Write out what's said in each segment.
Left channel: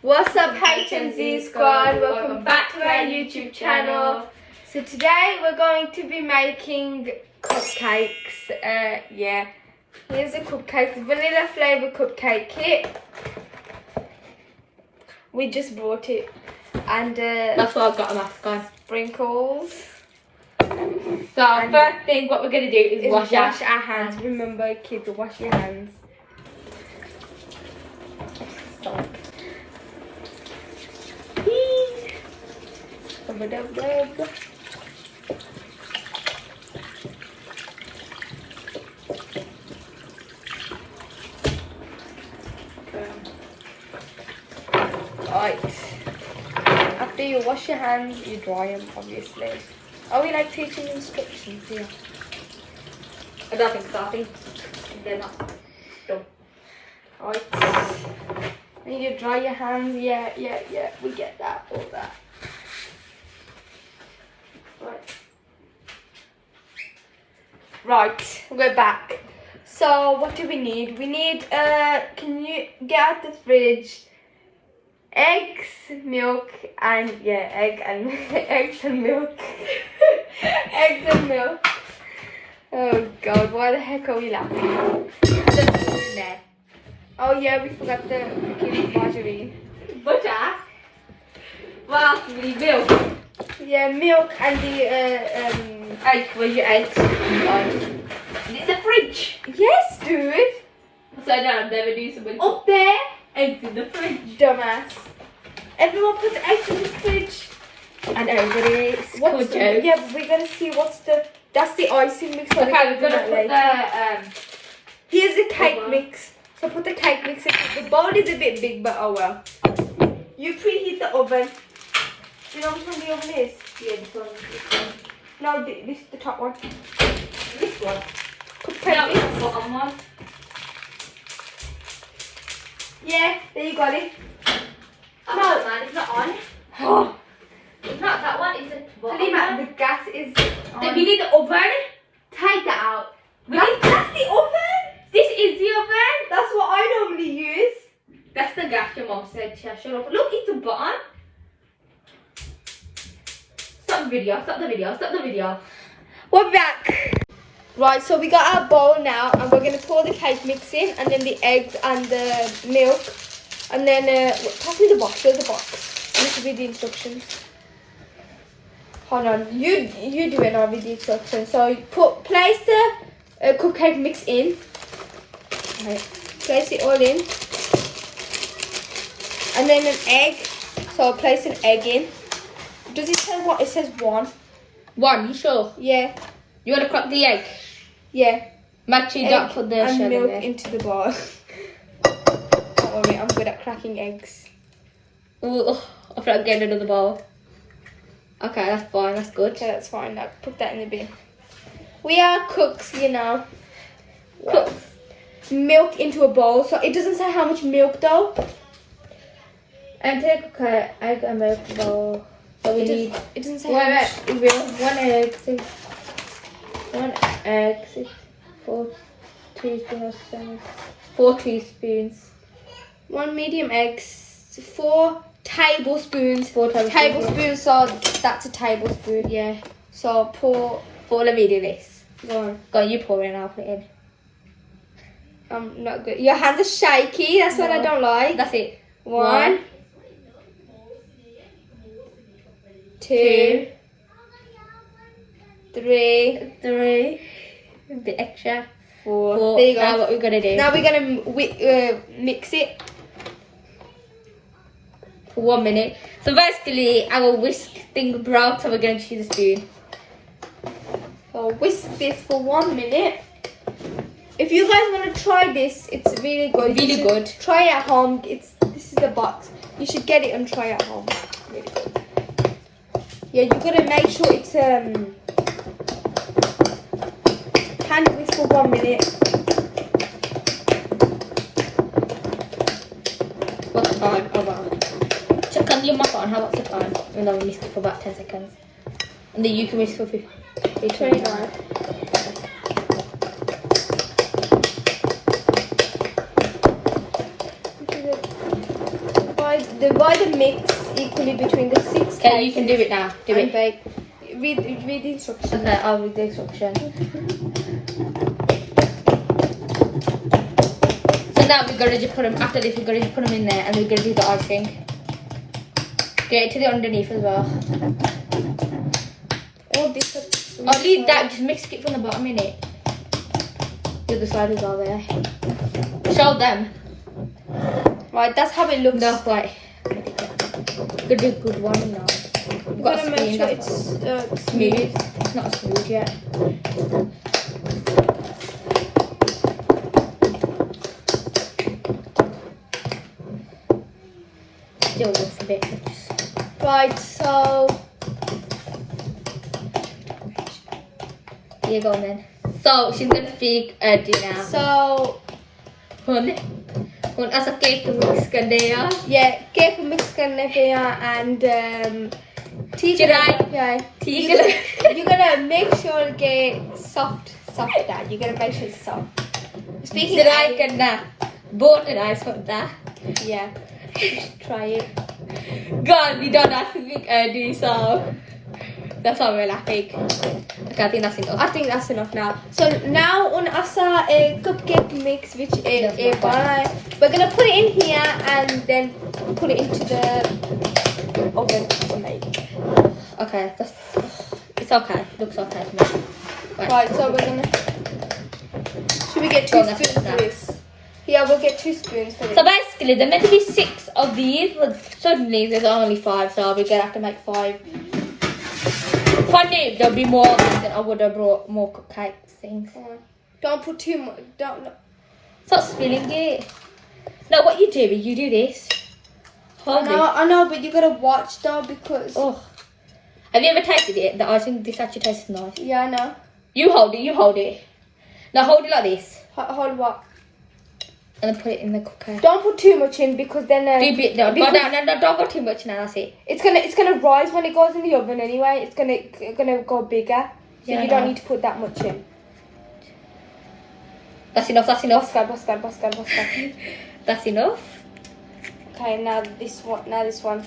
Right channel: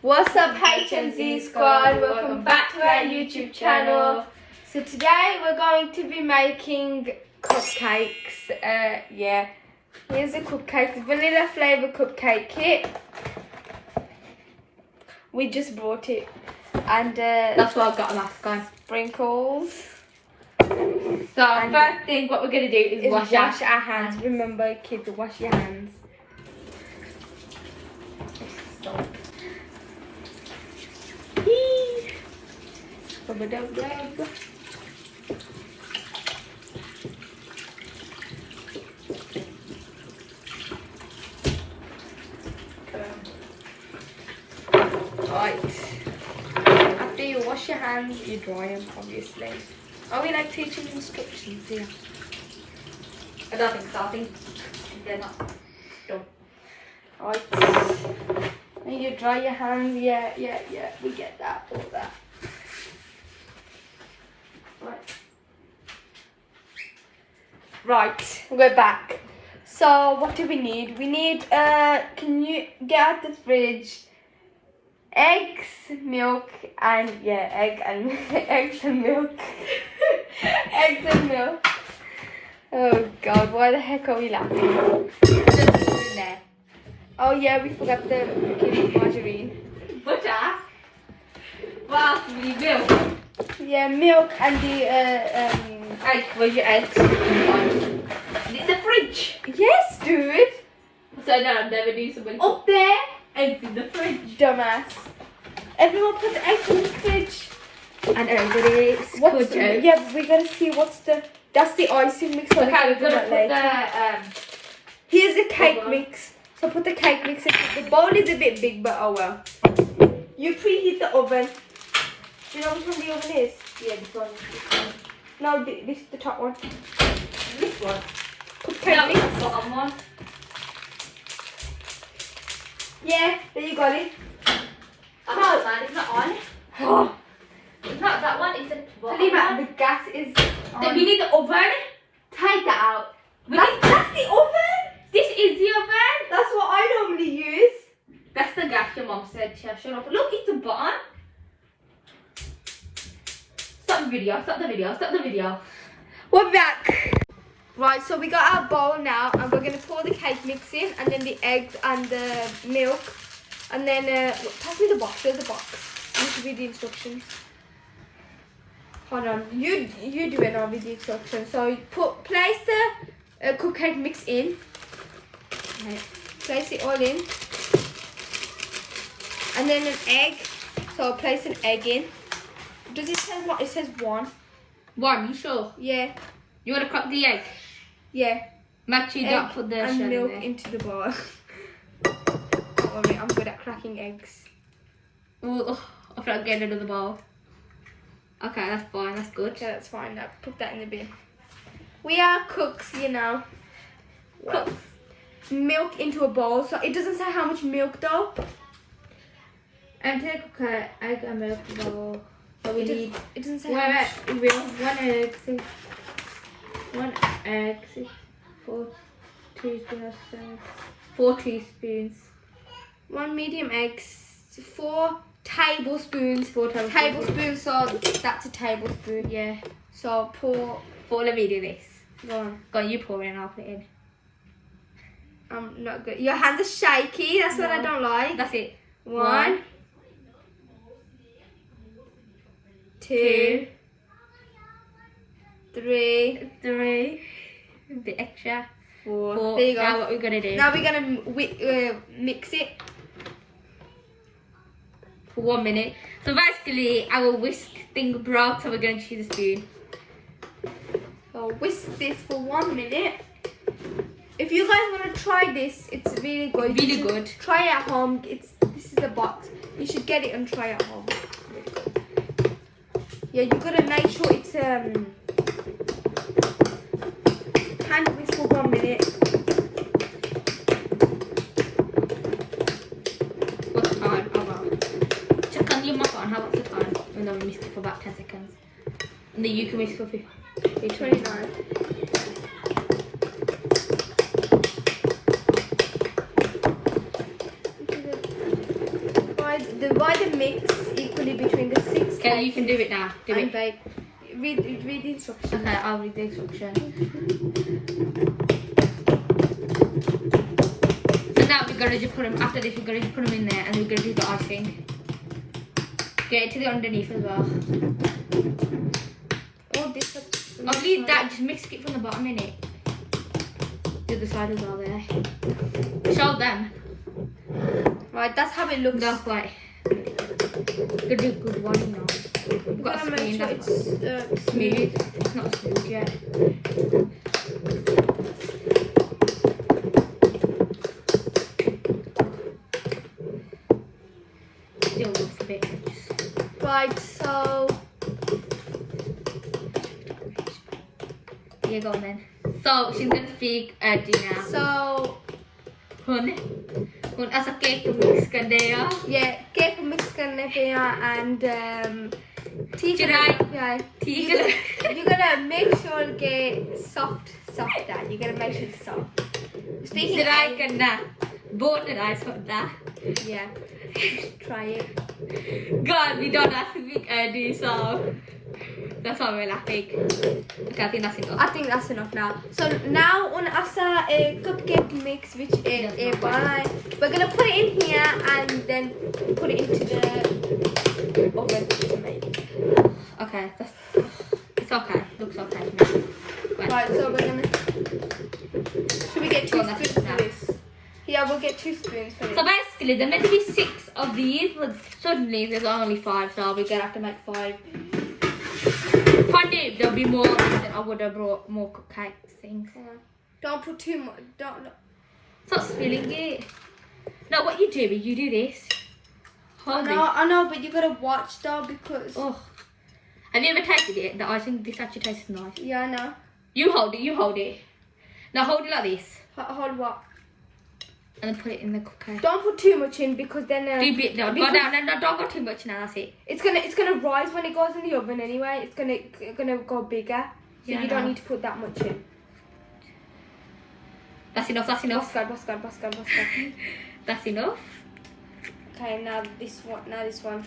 What's up, H&Z squad? Welcome back to our YouTube channel. So today we're going to be making cupcakes. Yeah, here's a cupcake, vanilla flavor cupcake kit. We just bought it, and that's why I've got a mask on. Sprinkles. So first thing, what we're gonna do is wash our hands. Remember, kids, wash your hands. Right. After you wash your hands, you dry them, obviously. Are we like teaching instructions here? I don't think so. I think they're not. No. Right. And you dry your hands. Yeah. We get that. All that. Right. We're back. So what do we need? We need. Can you get out the fridge? Eggs, milk, and eggs and milk. Eggs and milk. Oh God, why the heck are we laughing? Oh yeah, we forgot the margarine. Butter. Well, we need milk. Yeah, milk and the egg. Where's your eggs? In the fridge. Yes, dude. So I've never do something. Up there. Eggs in the fridge. Dumbass. Everyone puts eggs in the fridge. And everybody what's the, yeah, but we gotta see what's the. That's the icing mix. So okay, we're gonna put the. Here's the cake mix. So put the cake mix in. The bowl is a bit big, but oh well. You preheat the oven. Do you know which one the oven is? Yeah, this one. No, this the top one. This one. Cupcake mix. The bottom one. Yeah, there you got it. No, man, it's not on. Oh. It's not that one, it's the bottom one. The gas is on. Then we need the oven. Take that out. That's the oven? This is the oven. That's what I normally use. That's the gas your mom said. Shut up. Look, it's the bottom. Stop the video. We're back. Right, so we got our bowl now, and we're going to pour the cake mix in, and then the eggs and the milk. And then, pass me the box. Where's the box? This will be the instructions. Hold on. You do it, I'll read the instructions. So, place the cupcake mix in. Right. Place it all in. And then an egg. So, place an egg in. Does it say what? It says one. One, you sure? Yeah. You want to crack the egg? Yeah. Make sure you don't put the and shell milk in there. into the bowl. Don't worry, I'm good at cracking eggs. Ooh, I forgot getting rid of the bowl. Okay, that's fine, that's good. Okay, that's fine. Now put that in the bin. We are cooks, you know. Put milk into a bowl. So it doesn't say how much milk though. And take a egg and milk bowl. So we need. It doesn't say how much. It will. 1 egg, 6. 1 egg, 6. 4 teaspoons. 4 teaspoons. 1 medium egg. 4 tablespoons. 4 tablespoons. So that's a tablespoon. Yeah. So pour. Let me do this. Go on. Go on, you pour it in, I'll put it in. I'm not good. Your hands are shaky. That's what I don't like. That's it. 1, 2, 3, a bit extra. 4. There you go. Now what we're gonna do? Now we're gonna mix it for 1 minute. So basically, our whisk thing broke, so we're gonna choose a spoon. So whisk this for 1 minute. If you guys want to try this, it's really good. Really good. Try it at home. This is the box. You should get it and try it at home. Really good. Yeah, you gotta make sure it's hand whisk for 1 minute. What's the time? Hold on. Check on your mic on. How what's the time? And then we missed it for about 10 seconds. And then you can whisk for 29. divide the mix equally between the 6 Okay, you can do it now. Do and it. bake. Read the instructions. Okay, I'll read the instruction. So now we're gonna just put them, after this we're gonna just put them in there and we're gonna do the icing. Get it to the underneath as well. Oh, this I'll leave that, just mix it from the bottom in it. The other side as well there. Show them. Right, that's how it looks. That's why. Gonna do a good one now. We've got a Gotta make spoon, sure that's it's smooth. smooth. It's not smooth yet. Still rough a bit. Right, so Yeah, go on then. So she's gonna feed Eddie now. so Hun ऐसा cake mix कर दे यार. yeah, cake mix करने पे यहाँ and ठीक Chidai. Yeah, ठीक you're gonna make sure it get soft. That you're gonna make sure it's soft. Speaking Chidai of, करना. बहुत nice होता. yeah, try it. God, we don't have to make Eddie, so that's all we're laughing. Okay, I think that's enough. I think that's enough now. So now on asa a cupcake mix which is a by. We're gonna put it in here and then put it into the oven to make. Okay, it's okay. Looks okay to me. Right, so we're gonna. Should we get 2 Go on, spoons that's for it this? Yeah, we'll get 2 spoons for So this. basically, there meant to be 6 of these, but suddenly there's only 5, so we're gonna have to make 5. Funny, there'll be more of these, then I would have brought more cupcakes things. Don't put too much. Don't. Stop spilling it. No, what you do is you do this. Hold it. I know, but you gotta watch though because. Oh. Have you ever tasted it? I think this actually tastes nice. Yeah, I know. You hold it. Now hold it like this. Hold what? And then put it in the cupcake. Don't put too much in because then. Do a bit now. Go because down. No, don't go too much now. That's it. It's gonna rise when it goes in the oven anyway. It's gonna go bigger. So Yeah, you I don't know. need to put that much in. That's enough. That's enough. Bascar. That's enough. Okay, now this one.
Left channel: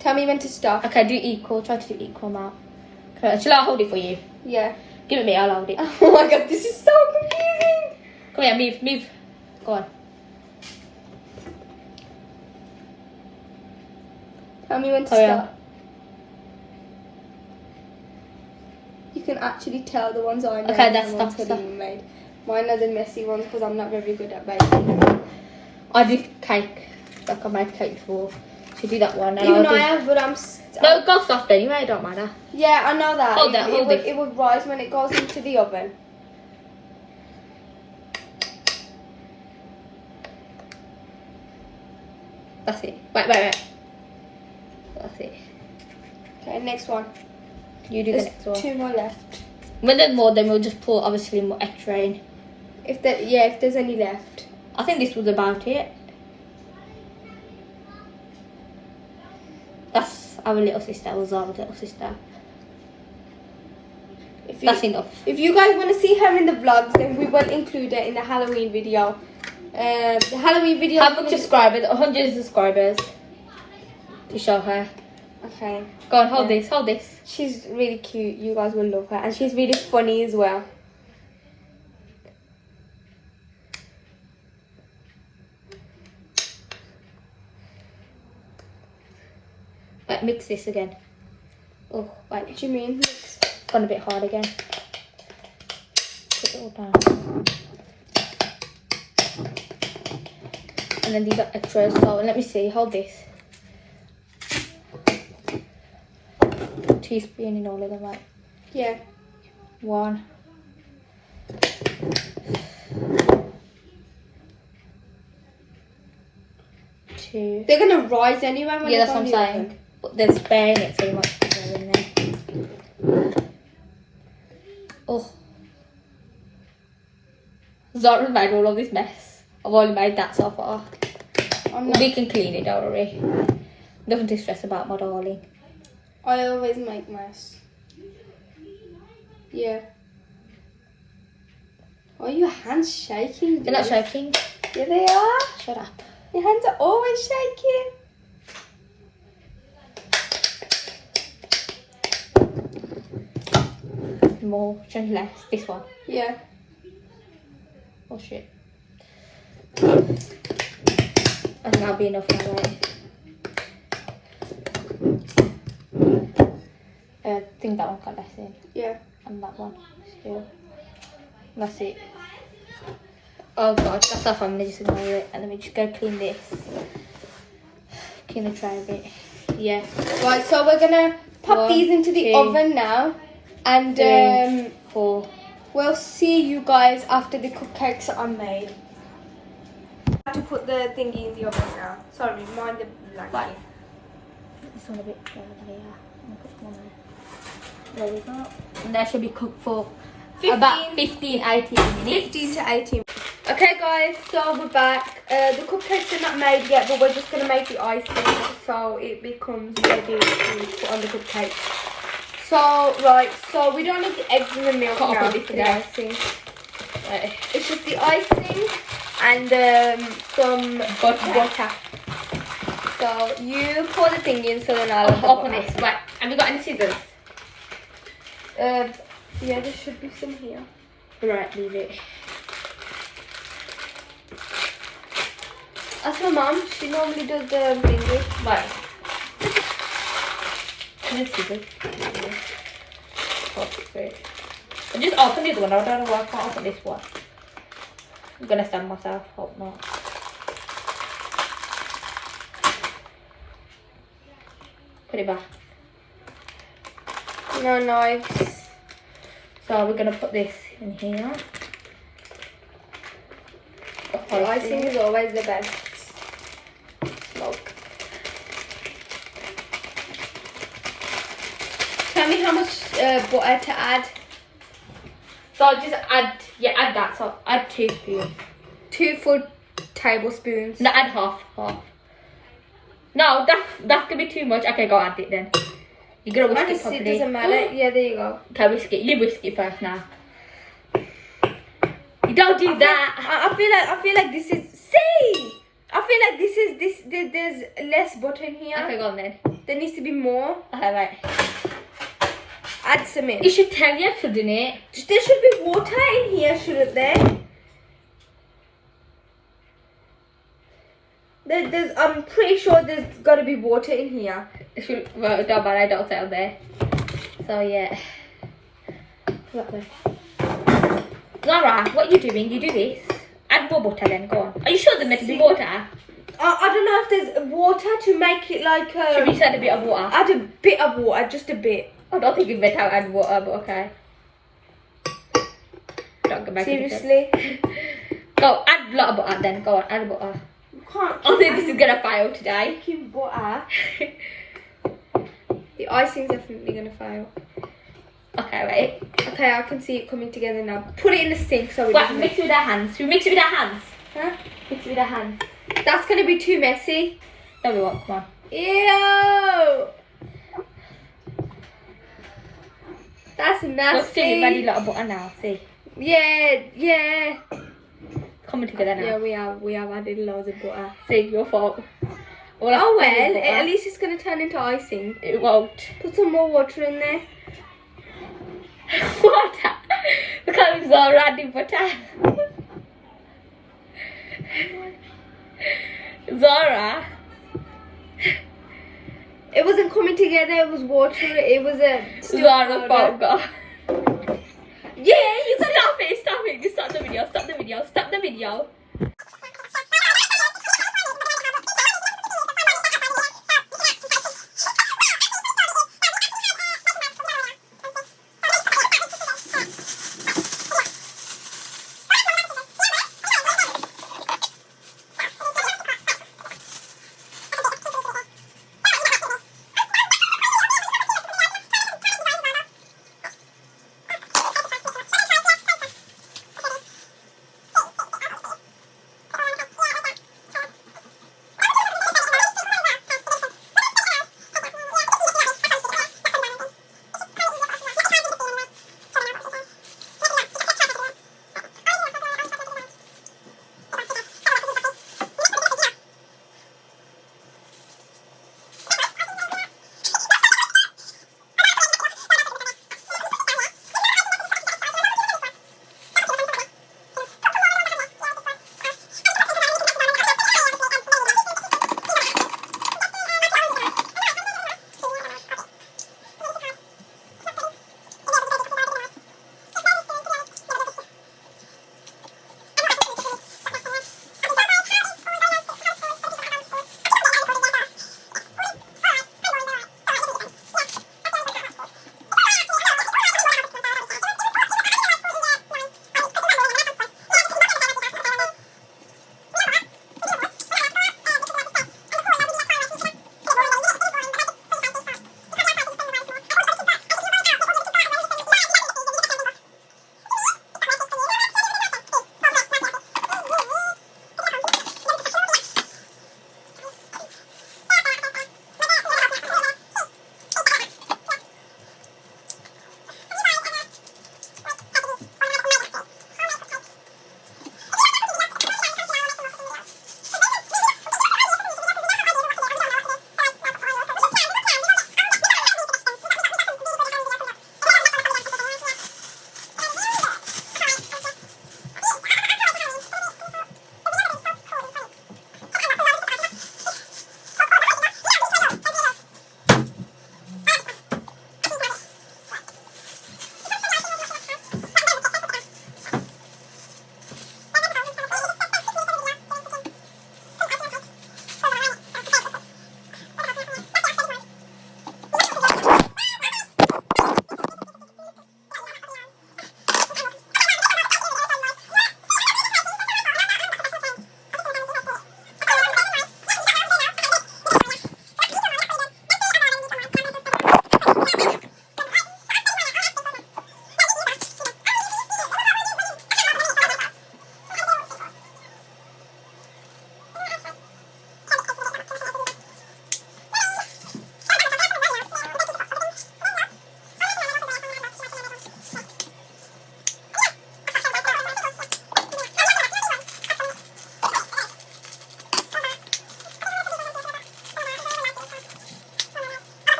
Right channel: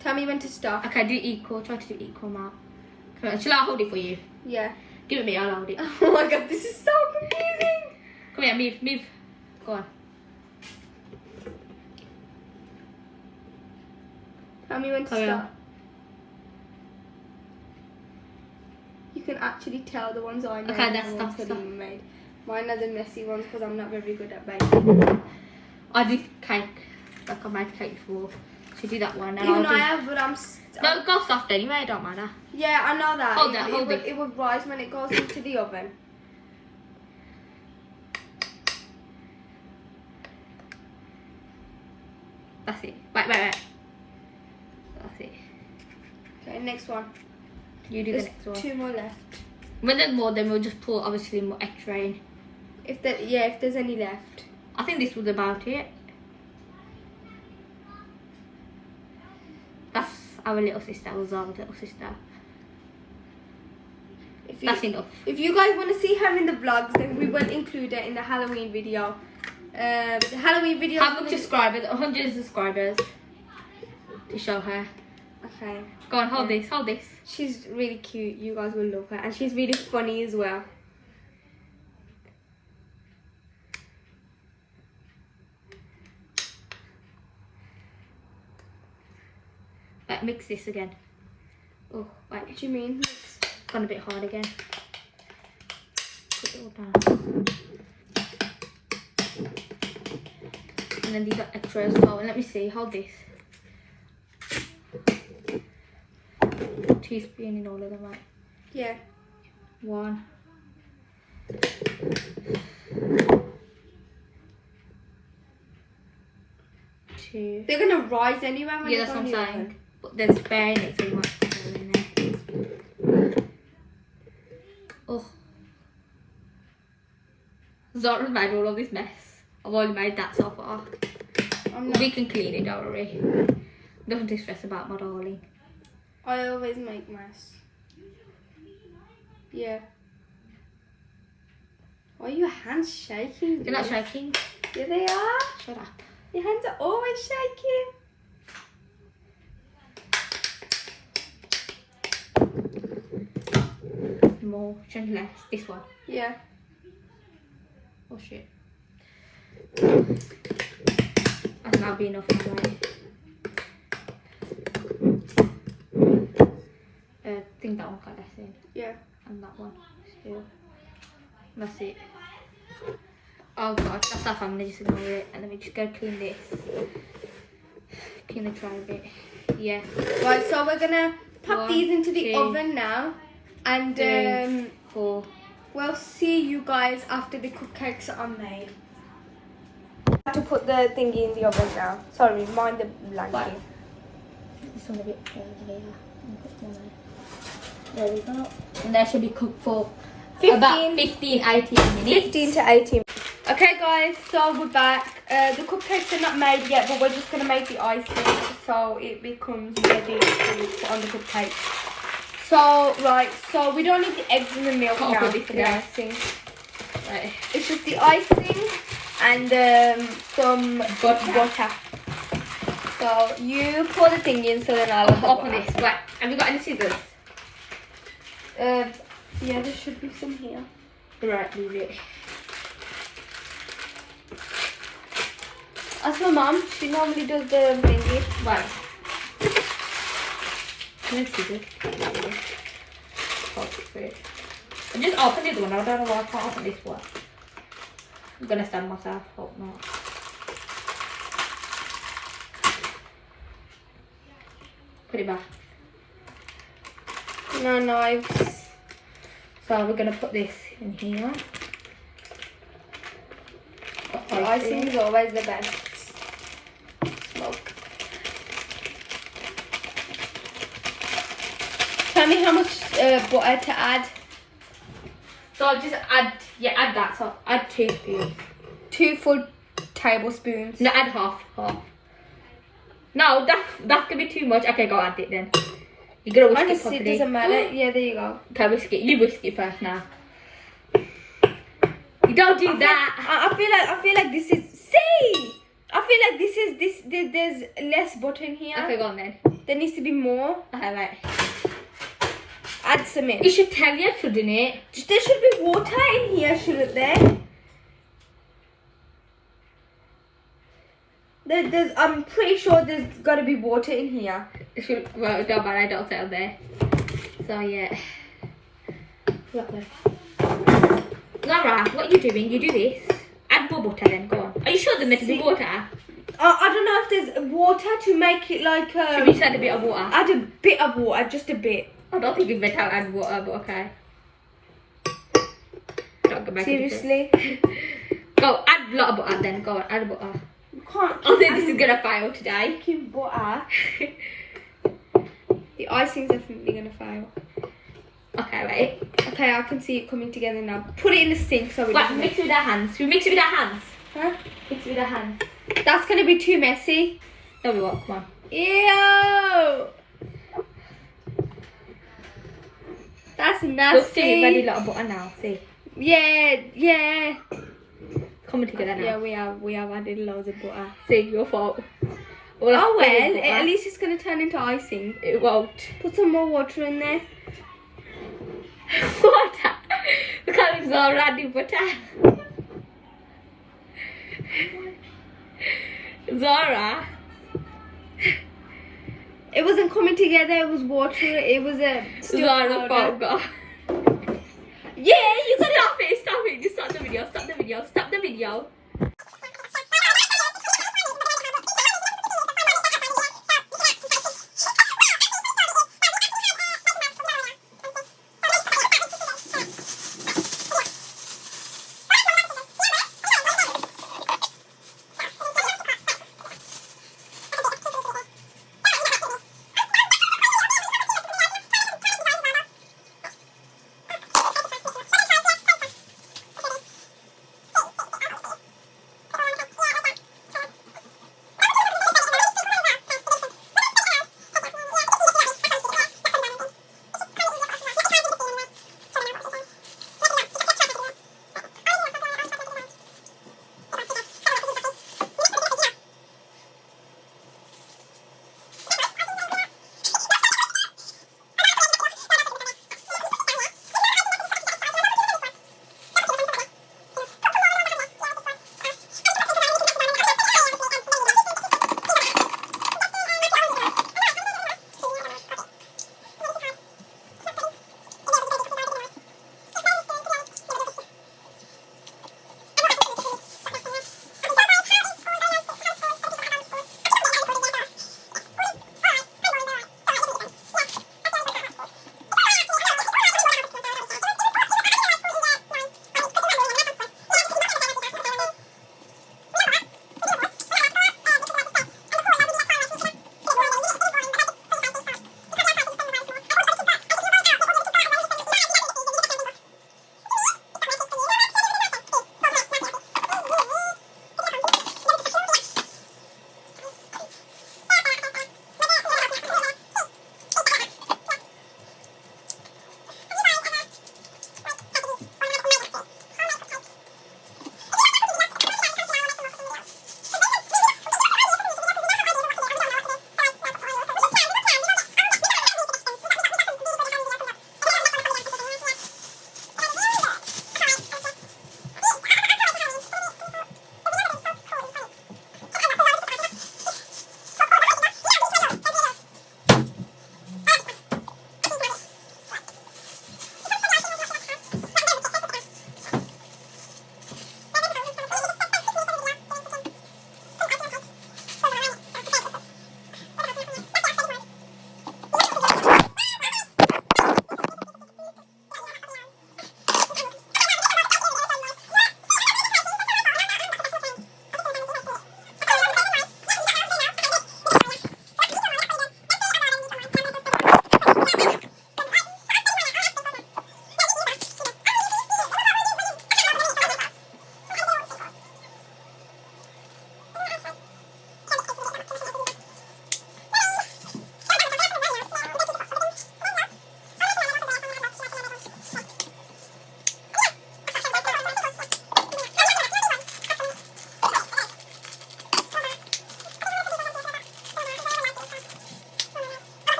Tell me when to stop. Okay, do equal. Try to do equal amount. Okay, shall I hold it for you? Yeah. Give it me. I'll hold it. Oh my god, this is so confusing. Come here. Move. Go on. Tell me when to Carry on. stop. You can actually tell the ones I made. Okay, and that's the ones stop. that you made. Mine are the messy ones because I'm not very good at baking. I do cake. Like I made cake before. So do that one. And Even I'll though do... I have, but I'm. No, go soft anyway. It don't matter. Yeah, I know that. Hold that, hold it. It would rise when it goes into the oven. That's it. Wait. That's it. Okay, next one. You do There's the next one. 2 more left. When there's more, then we'll just pour obviously more extra in. If there's any left. I think this was about it. That's our little sister. Was our little sister. That's enough. If you guys want to see her in the vlogs, then we will include her in the Halloween video. The Halloween video. How much subscribers? 100 subscribers. To show her. Okay. Go on, hold this. Hold this. She's really cute. You guys will love her, and she's really funny as well. Right, mix this again. Oh, right. What do you mean? Gone a bit hard again. Put it all down. And then these are extras. So let me see. Hold this. Teaspoon in all of them, right? Yeah. 1. 2. They're gonna rise anyway when Yeah, they that's go what in I'm the saying. oven. But there's spare in it, so you might put it in there. Oh. Zara's made all of this mess. I've only made that so far. We can clean it, don't worry. Nothing to stress about, my darling. I always make mess. Yeah. Are your hands shaking? They're not dude? shaking. Yeah, they are. Shut up. Your hands are always shaking. more. Which one's less? This one. Yeah. Oh shit. I think that'll be enough now, right? I think that one got less in. Yeah. And that one still. That's it. Oh god, that's off. I'm gonna just ignore it. And let me just go clean this. Clean the tray a bit. Yeah. Right, so we're gonna pop 1, these into the 2, oven now. And 3, 4. we'll see you guys after the cupcakes are made. I have to put the thingy in the oven now. Sorry, mind the blanket. Right. This one a bit further here. I'll put one there. There we go. And that should be cooked for about 15, 18 minutes. 15 to 18. Okay guys, so we're back. The cupcakes are not made yet, but we're just going to make the icing so it becomes ready to put on the cupcakes. So, right, so we don't need the eggs and the milk Can't now put it for the there. icing. Right. It's just the icing and some butter. So you pour the thing in so then I'll have the Open butter. this. Right. Have you got any scissors? Yeah, there should be some here. Right, leave it. Ask my mum, she normally does the thingy. Right. This is it. I just open this one. I don't know why I can't open this one. I'm gonna stand myself. Hope not. Put it back. No knives. So we're gonna put this in here. The icing is always the best. Look. Tell me how much butter to add. So just add that. So add 2 spoons. 2 full tablespoons. No, add half. No, that's gonna be too much. Okay, go add it then. You gotta whisk it Honestly, it properly. doesn't matter. Yeah, there you go. Okay, whisk it. You whisk it first now. You don't do that. I feel like this is. See! I feel like there's less butter in here. Okay, go on then. There needs to be more. Alright. Add some in. It should tell you, shouldn't it? There should be water in here, shouldn't there? I'm pretty sure there's got to be water in here. It should, well, don't matter, I don't settle there. So, yeah. That way. Zara, what are you doing? You do this. Add more butter then, go on. Are you sure there's meant to be water? I don't know if there's water to make it like... Should we just add a bit of water? Add a bit of water, just a bit. I don't think we better add water, but okay. Don't go back. Seriously? Go, add a lot of butter then, go on, add butter. You can't I think this is gonna fail today. keep butter. The icing's definitely going to fail. Okay, right. Okay, I can see it coming together now. Put it in the sink so it What, doesn't mix it with our hands. Should we mix it with our hands? Huh? Mix it with our hands. That's going to be too messy. No, we won't, come on. Ew! That's nasty. Look, see, we've added a lot of butter now, see. Yeah. Coming together now. Yeah, we have added loads of butter. See, your fault. All Oh I have to do is well, butter. at least it's going to turn into icing. It won't. Put some more water in there. Water? Because Zara adding butter. Zara. It wasn't coming together, it was water, it was a Zara fault, go. Yeah, you got Stop it, stop it. Just stop the video, stop the video, stop the video.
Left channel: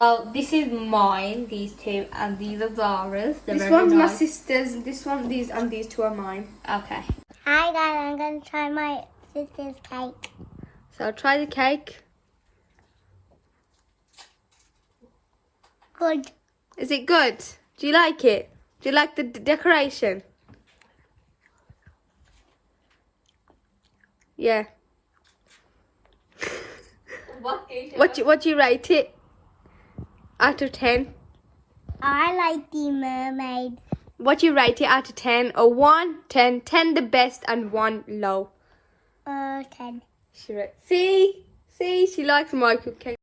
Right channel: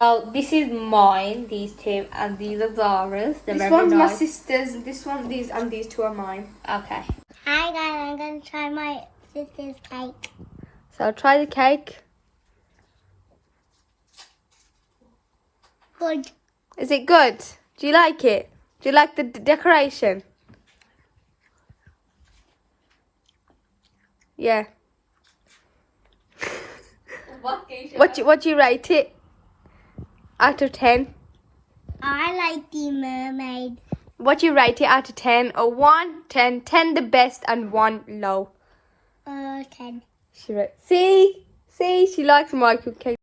Oh, this is mine, these two, and these are Zara's. They're This very one's my nice. sister's. This one, these, and these two are mine. Okay. Hi guys, I'm gonna try my sister's cake. So try the cake. Good. Is it good? Do you like it? Do you like the decoration? Yeah. What do you rate it? Out of 10? I like the mermaid. What do you rate it out of 10? A 1, 10, 10 the best and 1 low. 10. See, she likes my cupcake.